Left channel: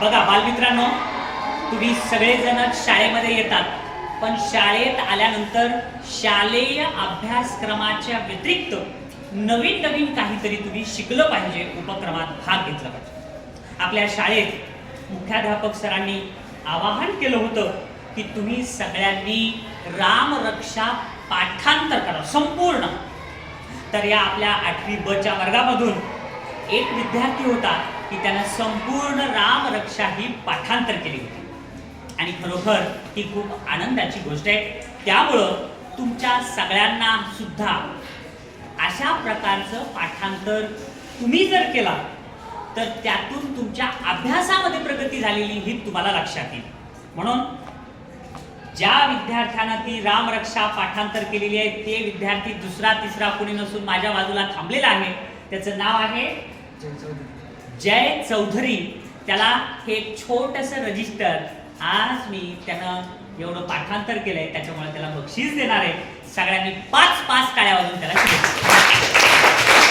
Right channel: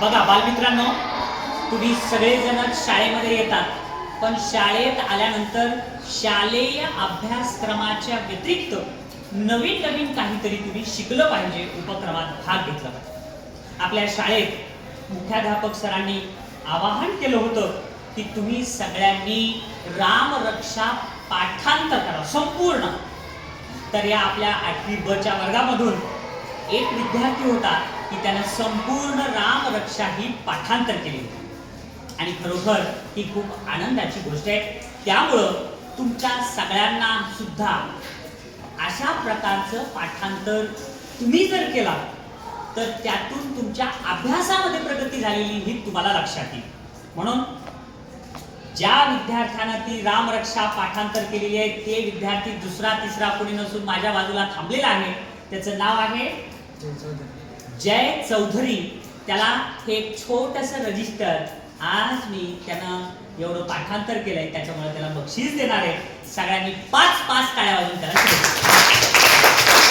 बघा बालमित्रांनो, तुम्ही सगळेजण शाळेमध्ये येतात, पण शाळेत आल्यानंतर शालेय अभ्यासक्रमाच्या व्यतिरिक्त नवीन नवीन काहीतरी तुम्ही शिकलं पाहिजे, उपक्रमात भाग घेतला पाहिजे. आपल्या शाळेत मुख्याध्यापक सरांनी आवाहन केलं होतं की तुम्ही सगळ्यांनी रामरक्षा पाठांतर करा संपूर्ण. तर या आपल्या 8वी ब च्या वर्गामधून एक विद्यार्थी होता की त्यानं संपूर्ण रामरक्षा ही पाठांतर केली होती आणि खरोखर ही खूप आनंदाची गोष्ट आहे. त्यामुळं तुमच्या सगळ्यांना सुद्धा अशा प्रकारचं पाठांतर तुम्ही जर केला तर त्यातून तुमच्या अभ्यासामध्ये प्रगती झालेली ही तुम्हाला लक्षात येईल. म्हणून ज्या विद्यार्थ्यानं ती रामरक्षा पाठांतर केलेली आहे ते विद्यार्थी दुसरा तिसरा कोणी नसून माझ्या बाजूला थांबलेला आहे. त्याचं नाव आहे जय चौधरी. त्याला हे एक छोटंसं रजिस्टर आज मी त्यानं एवढं पाठांतर केलंय त्याच्यामुळे त्याला बक्षीस देणार आहे. सगळ्यांनी 5 टाळ्या वाजवून त्याला शुभेच्छा.